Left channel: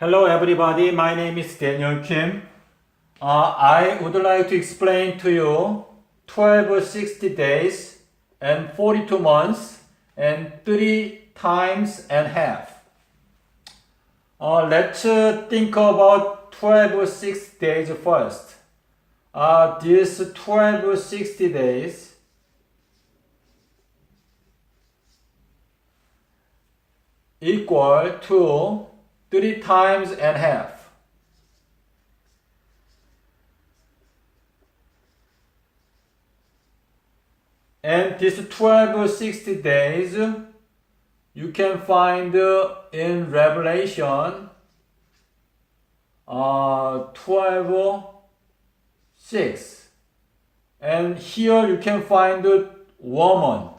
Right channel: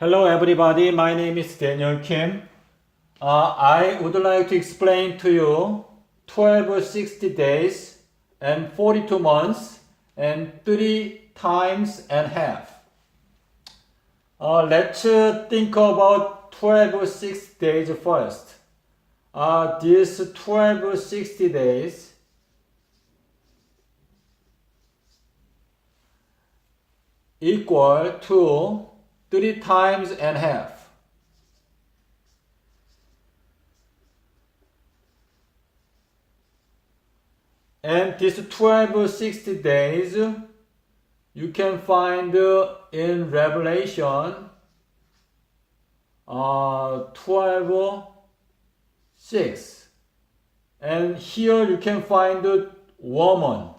Hello everybody, my name is Daniel Kim. I would like to explain to you 12 60 days and 42 months and 3 times and half. Let's think about 12 60 days first. These 12 60 days equal to 3 times and half. And these 12 60 days you can find in Revelation 12 6. And here you can find woman.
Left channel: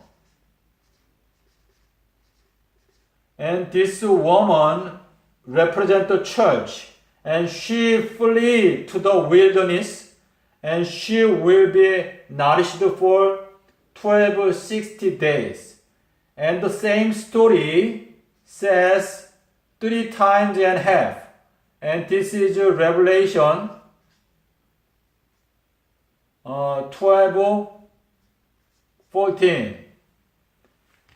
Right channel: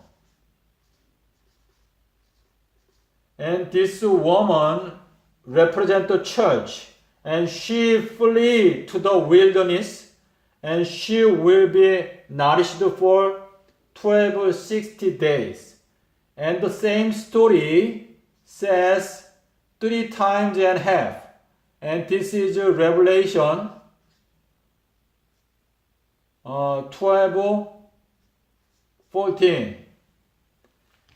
And this woman represents the church. And she flee to the wilderness. And she will be nourished for 12 60 days. And the same story says 3 times and half. And this is Revelation 12 14.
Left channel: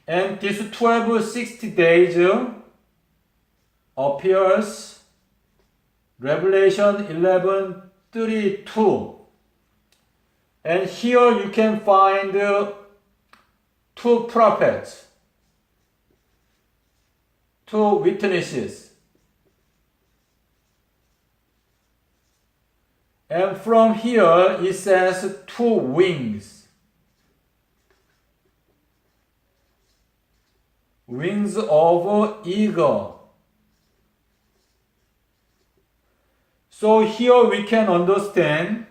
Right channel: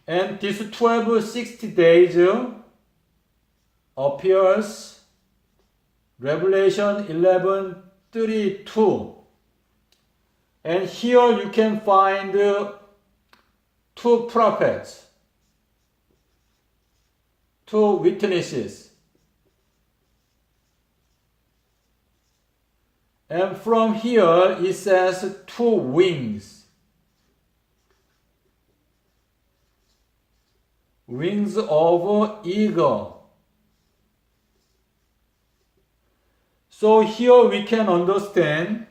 And this 12 60 days appears Revelation 11 32. And here you can find 2 prophets, 2 witnesses. And from here it says 2 wings. Wings of eagle. So here we can understand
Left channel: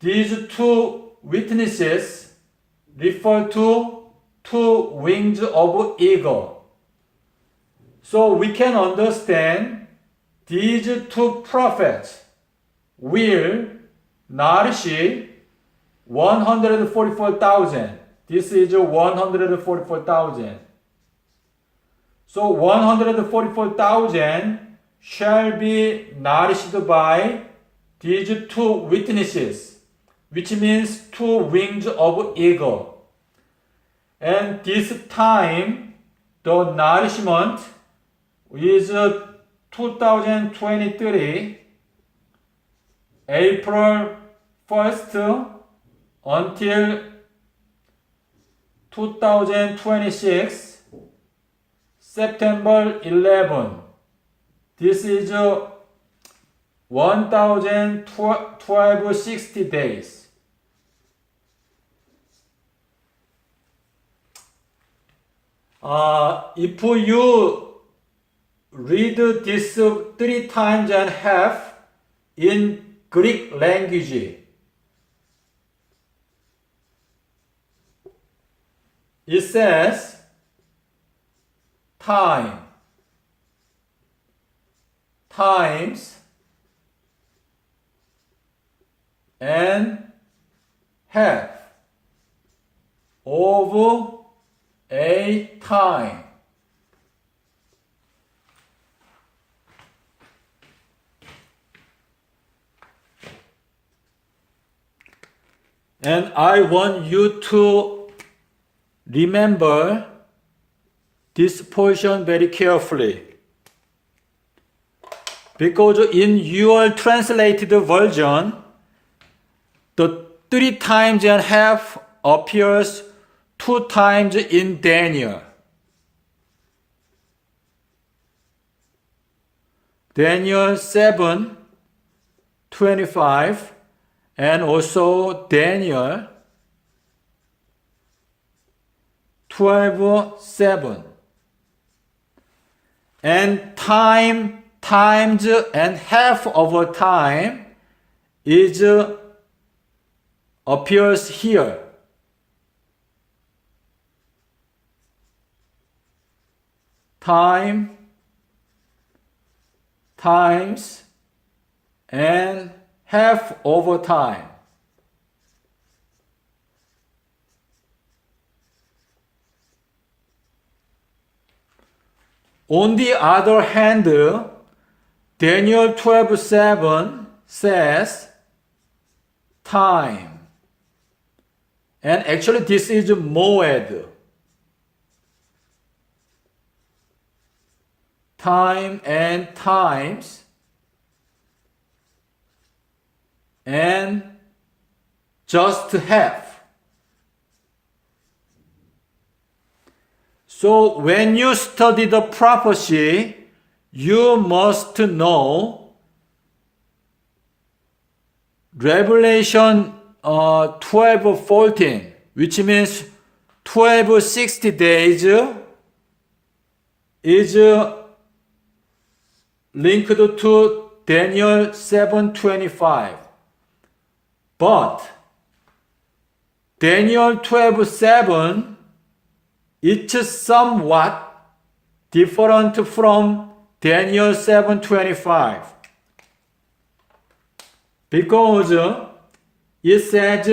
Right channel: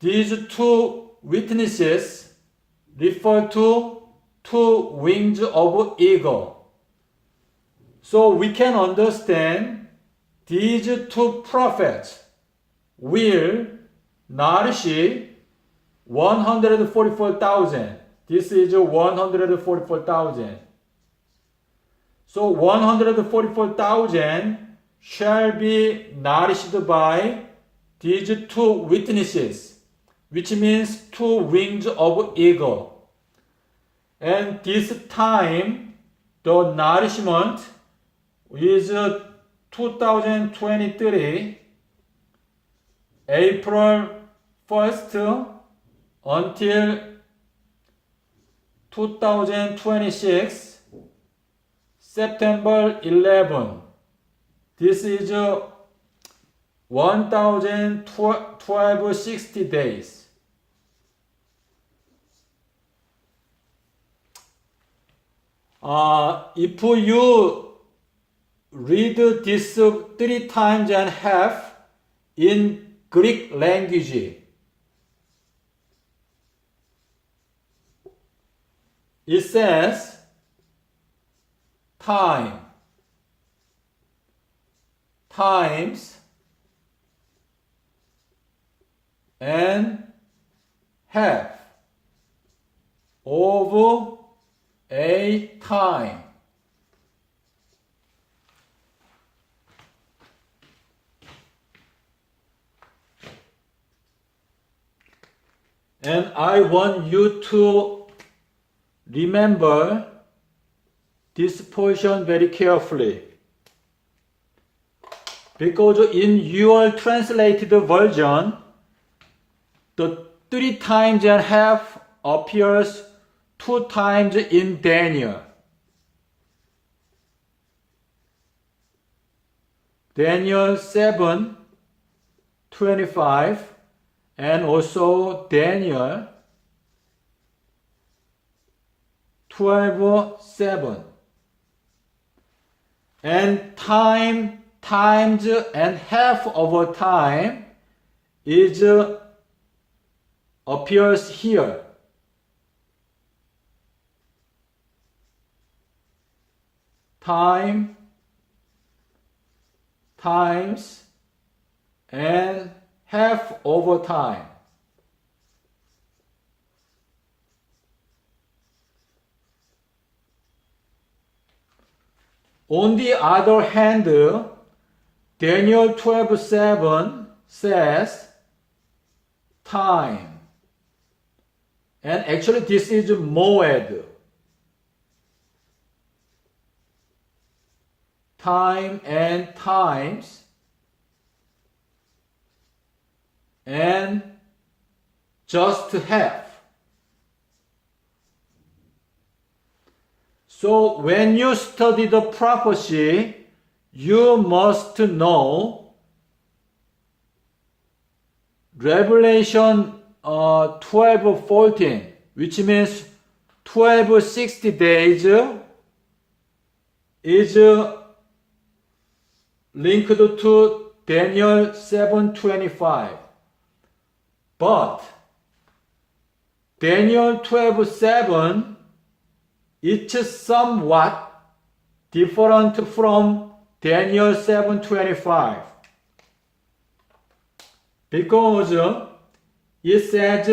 these 2 witnesses refer to 2 wings of eagle. So we can understand these 2 prophets will nourish 144,000. This is 144,000. So 144,000 shall be nourished by these 2 witnesses, which means 2 wings of eagle. And this time, the nourishment is 2023, April 1st until 2026, September 11. This is 1012 60 days. If you read this 3 times and half in Greek language, it says time times and half of a time. And I want you to remember this portion very carefully. Because in your translated version, the 3 times and half appears 2 times in Daniel. Daniel 7:25 and also Daniel 12:7. And time times and half of a time is appears here. Time times and half over time. On the other hand, Daniel 12:7 says time. And actually this is moed. Time and times and just have. So when you study the prophecy, you must know Revelation 12:14, which means 1260 days is linked to Daniel 7:25. But Daniel 12:7 is somewhat different from Daniel 7:25 because it says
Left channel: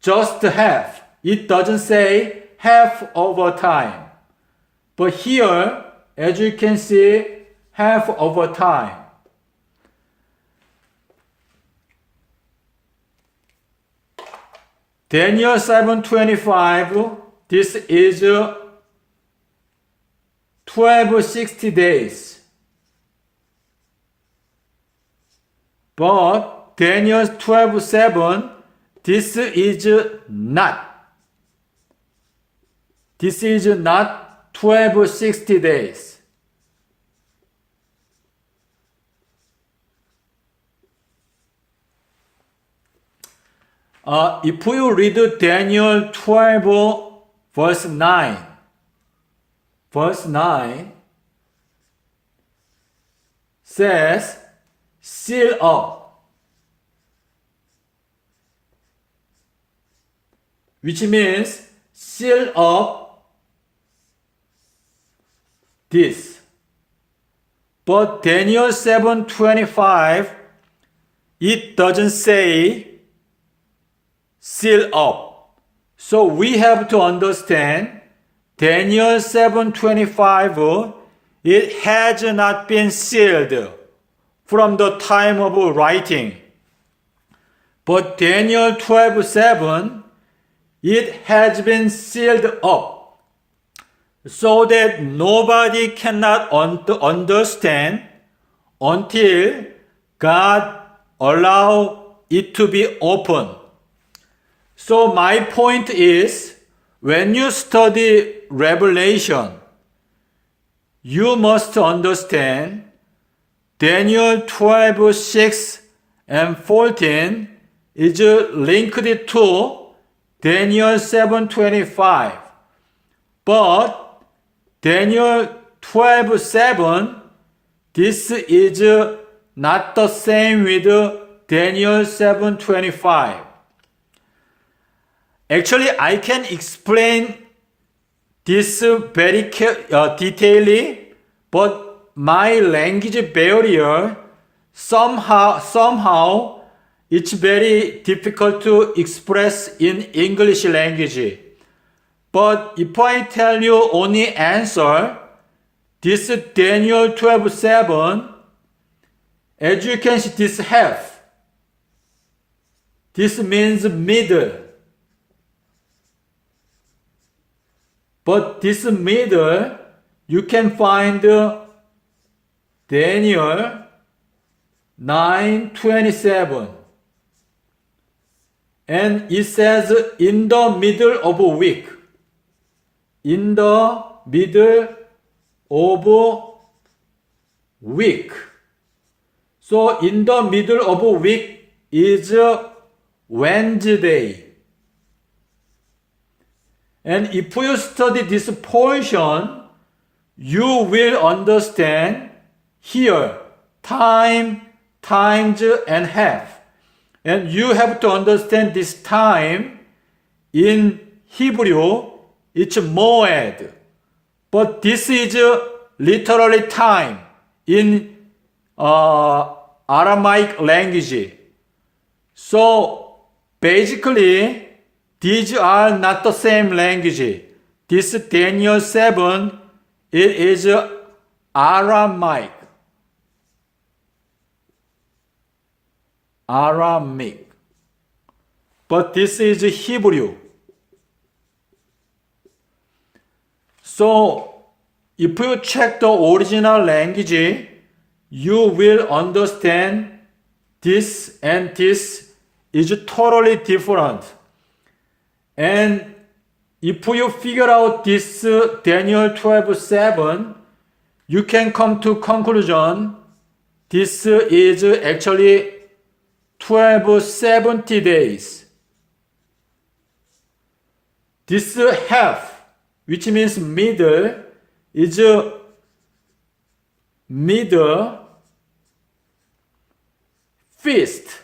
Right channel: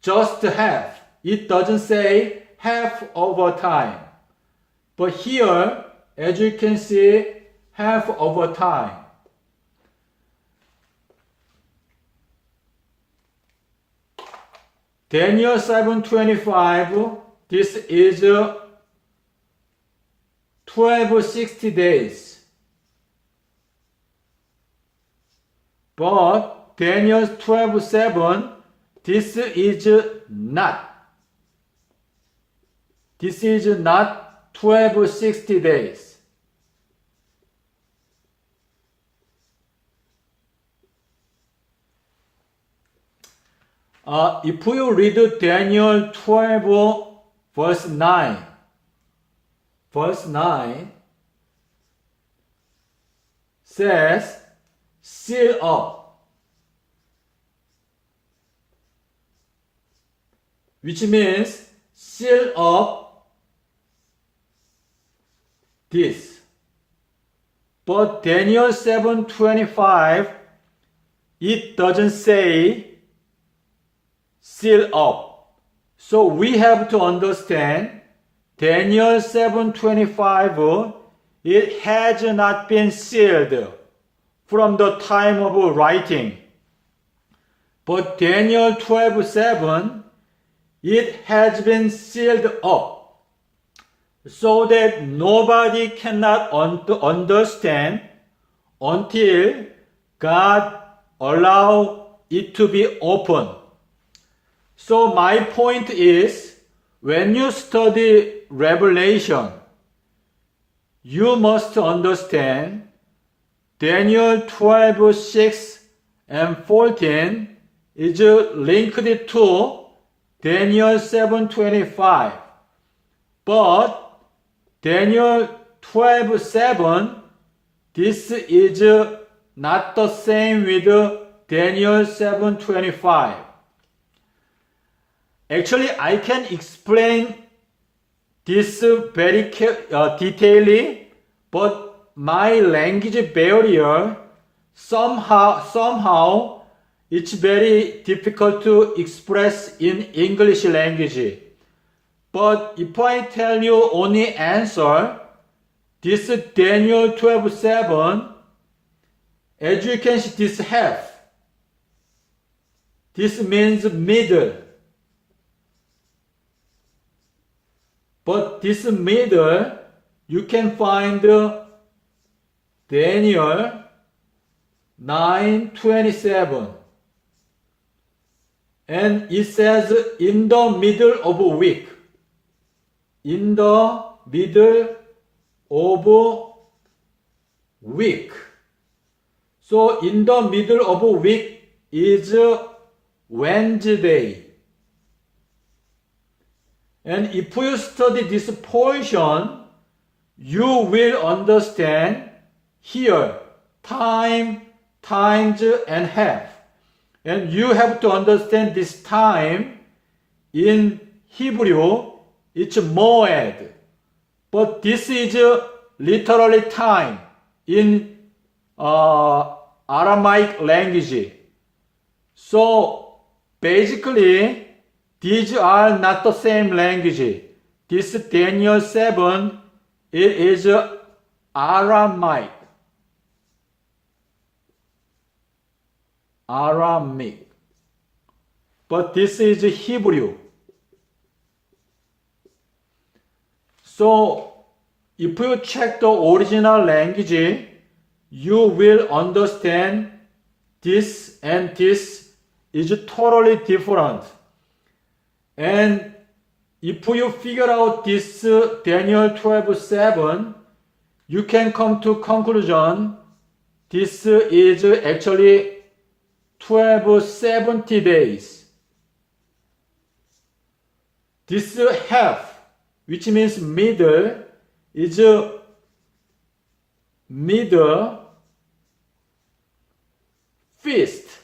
just half. It doesn't say half over time. But here, as you can see, half over time. Daniel 7:25, this is 1260 days. But Daniel 12:7, this is not. This is not 1260 days. If you read Daniel 12 verse 9, says, seal up, which means seal up this. But Daniel 7:25, it doesn't say seal up. So we have to understand Daniel 7:25, it has not been sealed from the time of writing. But Daniel 12:7, it has been sealed up so that nobody cannot understand until God allow it to be open. So my point is, when you study Revelation, you must understand Daniel 12:6 and 14 is linked to Daniel 7:25. But Daniel 12:7, this is not the same with Daniel 7:25. Actually, I can explain this very detailedly, but my language barrier somehow it's very difficult to express in English language. But if I tell you only answer, this Daniel 12:7, as you can see, this half. This means middle. But this middle, you can find Daniel 9:27. And it says in the middle of a week. In the middle of a week. So in the middle of a week is Wednesday. And if you study this portion, you will understand here time, times, and half. And you have to understand this time in Hebrew, it's moed. But this is literally time in Aramaic language. So basically, these are not the same language. This Daniel 7, it is Aramaic. Aramaic. But this is Hebrew. So, if you check the original language, you will understand this and this is totally different. And if you figure out this Daniel 12:7, you can come to conclusion this is actually 1270 days. This half, which means middle, is middle feast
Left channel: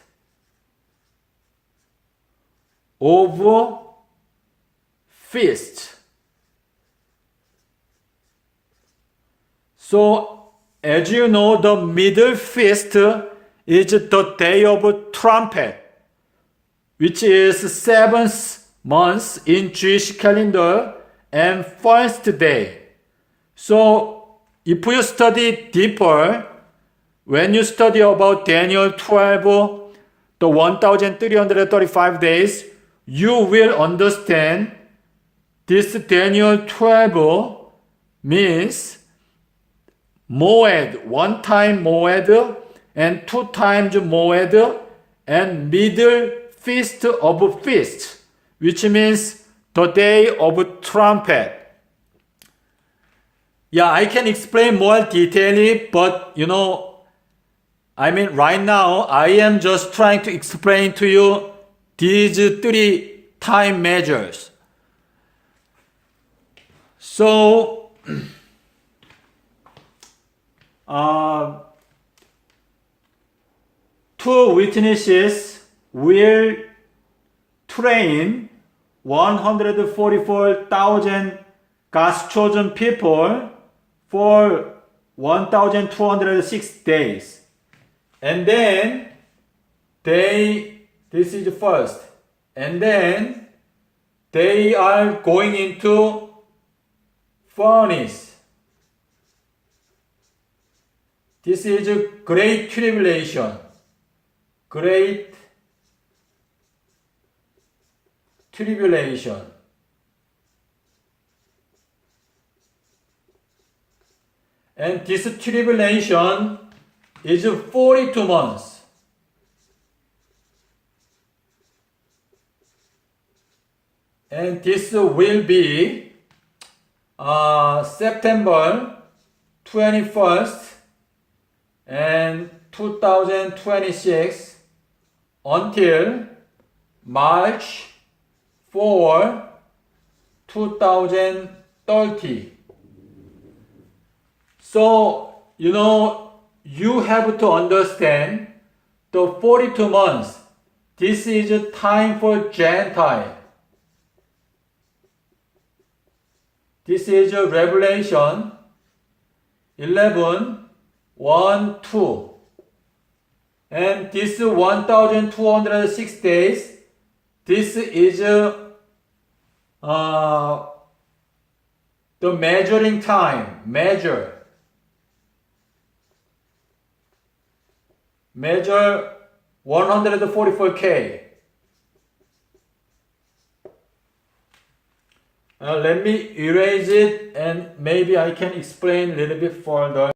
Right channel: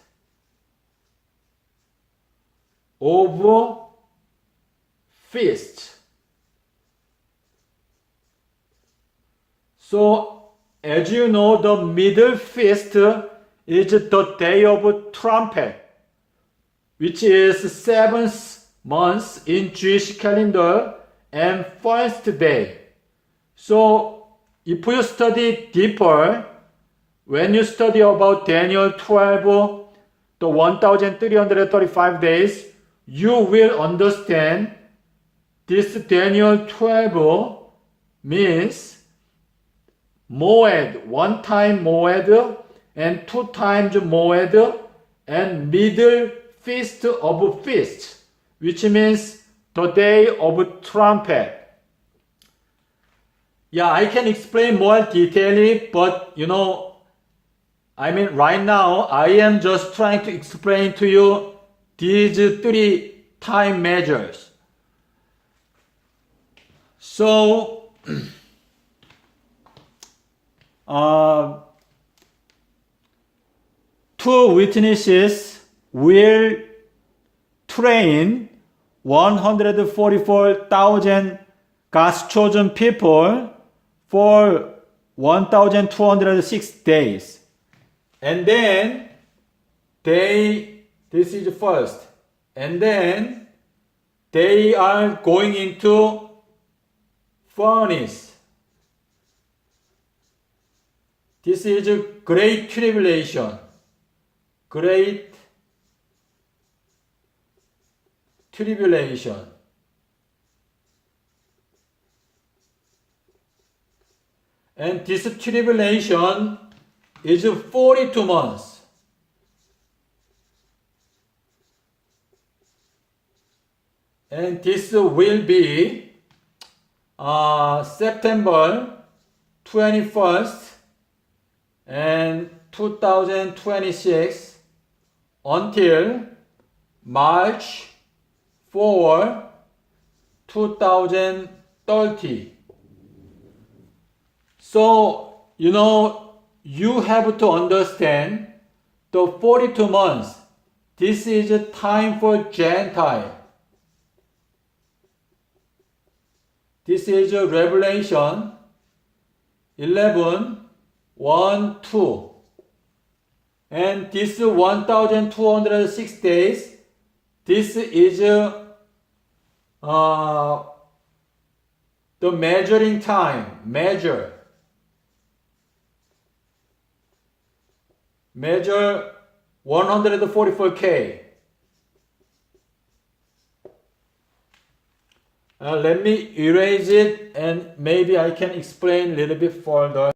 of feast. So, as you know, the middle feast is the day of trumpet, which is 7th month in Jewish calendar and first day. So, if you study deeper, when you study about Daniel 12, the 1335 days, you will understand this Daniel 12 means Moed, one time Moed and two times Moed and middle feast of feast, which means the day of trumpet. Yeah, I can explain more detailedly, but right now I am just trying to explain to you these three time measures. So, two witnesses will train 144,000 God's chosen people for 1,206 days. And then this is first. And then they are going into furnace. This is a great tribulation. Great tribulation. And this tribulation is 42 months. And this will be September 21st and 2026 until March 4, 2030. So, you have to understand the 42 months. This is a time for Gentile. This is a Revelation 11, 1, 2. And this 1,206 days, this is the measuring time, measure 144K. Let me erase it and maybe I can explain a little bit further.